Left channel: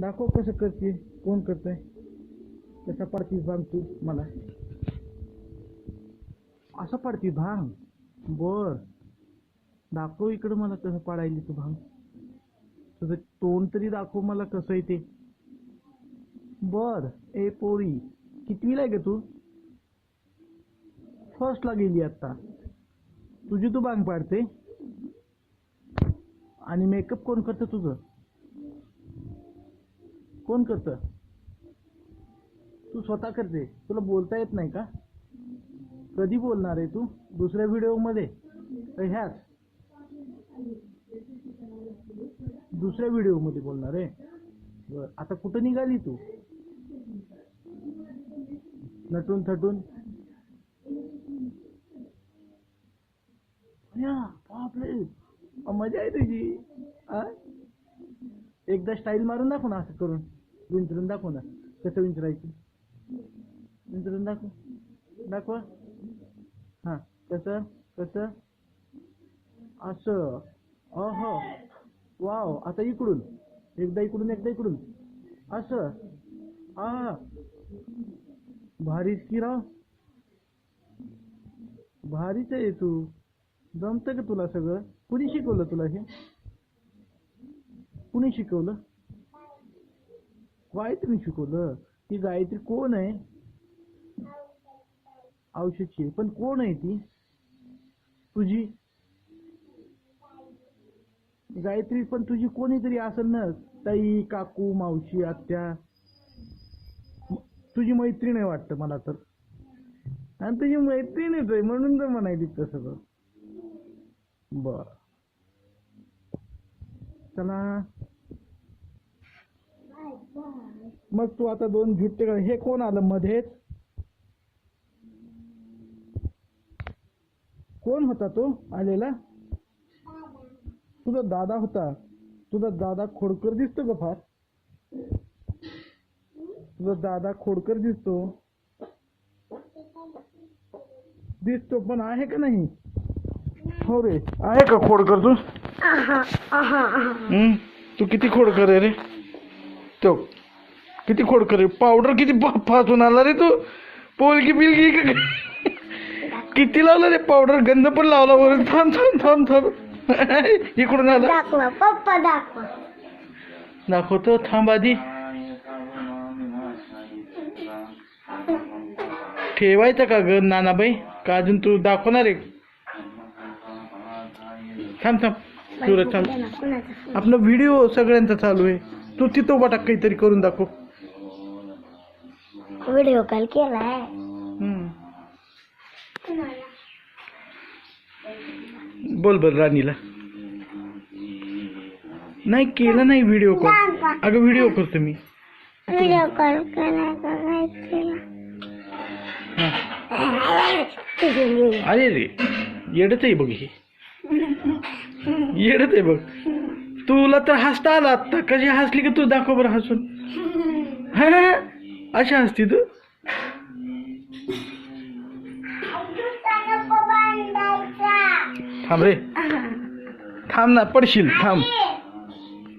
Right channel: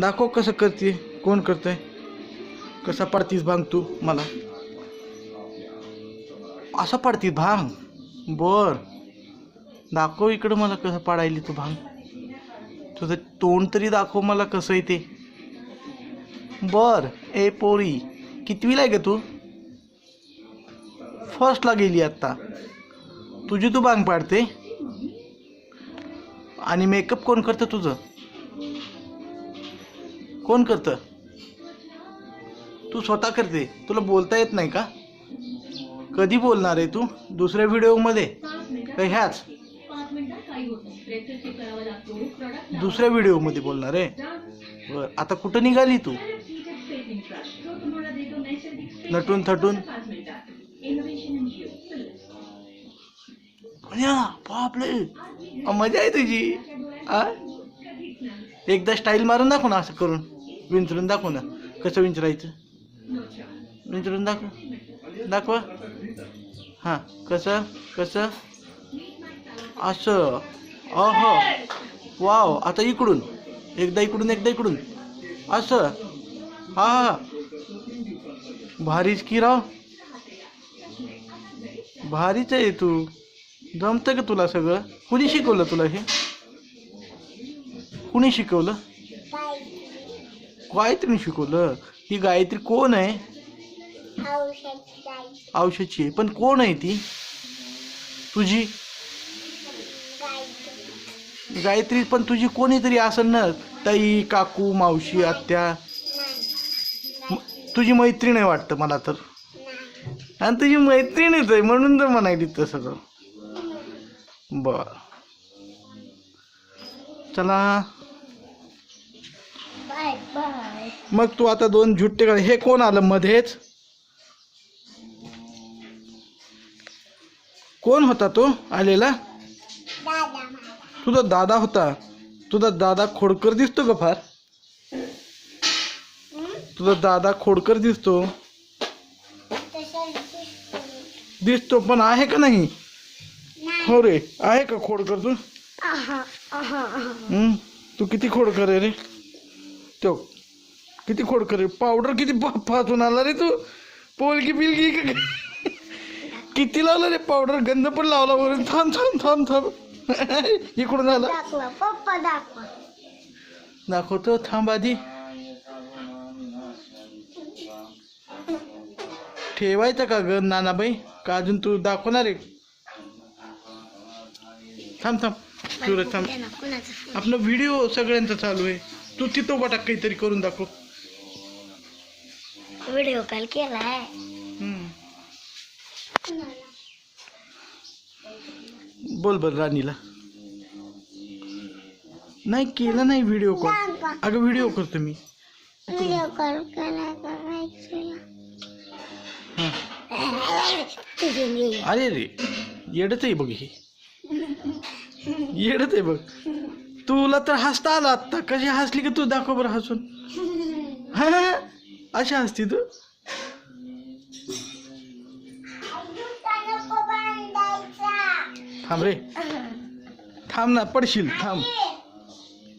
दाखव कसं करते, कोण करतंय, कसा पाडतीस भांग तू मला? असं पाडतीस भांग? बर, दाखव इकडं मला कसं पाडायली तू भांग. तुझं तोंड तरी दाखव मला कसं आहे ते. बर. ए पोरी, कितवीला आहे ग तू? फर्स्टला गेली आत्ता. तुझी तू भांग पाडते आणि मेकअप कोण करतं तुझं? कोण करतं? तू स्वतः करते. तुला बोलता येत नाही का? कधी बोलणार आहे तू? दुसऱ्या व्हिडिओमध्ये का ह्याच? दुसऱ्या व्हिडिओमध्ये बोलणार आहे. बर, आता कुठं निघाली तू? नटून थटून. बापरे, मजा आहे तुझी. एकदा स्टाईल मारून दाखव ना, असं करून विंचरून दाखव ना. कसं विंचरायचं? विंचरून दाखवा. हां, कसं कसं? असं. अहो, वाव. आता इकडून एकदा, इकडून एकदा, इकडून असं. हा, भारीच की राव, भारीच आहे तू. जमतं का तुला सगळं? कुणी शिकवलं तुला हे? कुणी शिकवलं? गायत्री शिकवलं? ही गायत्री कोण आहे? औषधची आहे. पण कोण आहे ती तुझी गायत्री? पण तुझी कोणीतरी असेल ना, ताई, काकू, मावशी, आत्या. तुझी मैत्रीण आहे वाटतं मला तर. आणि तुझी मैत्रीणच आहे म्हणून तर म्हणायली तसं. बर, चला मग. तू आता दोन झुट्टे काढ. हे कोण आलं मध्येच? कोण होता तो आलेला? तुझा दादा होता. तुझा दादा खोडकर दिसतो का फार? तुझा दादा खोडकर दिसतो. पण आहे का नाही? हो रे, आहे का खोडकर तू? तू किती खोडकर आहे रे? तो किती खोडकर आहे. पावडर किती फासून आला रे तू. पोलकी बिलकी किती लावला रे पावडर. गंध पण लावला वरून. थांब थांब थांब थांब. इकडून आला. दाखवतो, थांब आधी. ठेवायचं का ग नानाबाई? का अजून तू दाखवणार आहे? थांब थांब तुला थांब. आपला व्हिडिओ सगळ्यांचा चालू आहे. तू तिथं वाटा काहीतरी करून दाखव. व्हिडिओ कॉल केलाय. बोल बर राणीला. नाही केलं नाही व्हिडिओ कॉल. अगं व्हिडिओ करतो मी. व्हिडिओ कॉल करायचं. अरे रे, येडच आहे बघ हे. येडच आहे बघ. तुला तर हसता आला आत्ता. कशी हसली का तू? दाखव बरं हसून. हा, अशी हसती तू. थांब रे, थांब ना, पडशील. थांब.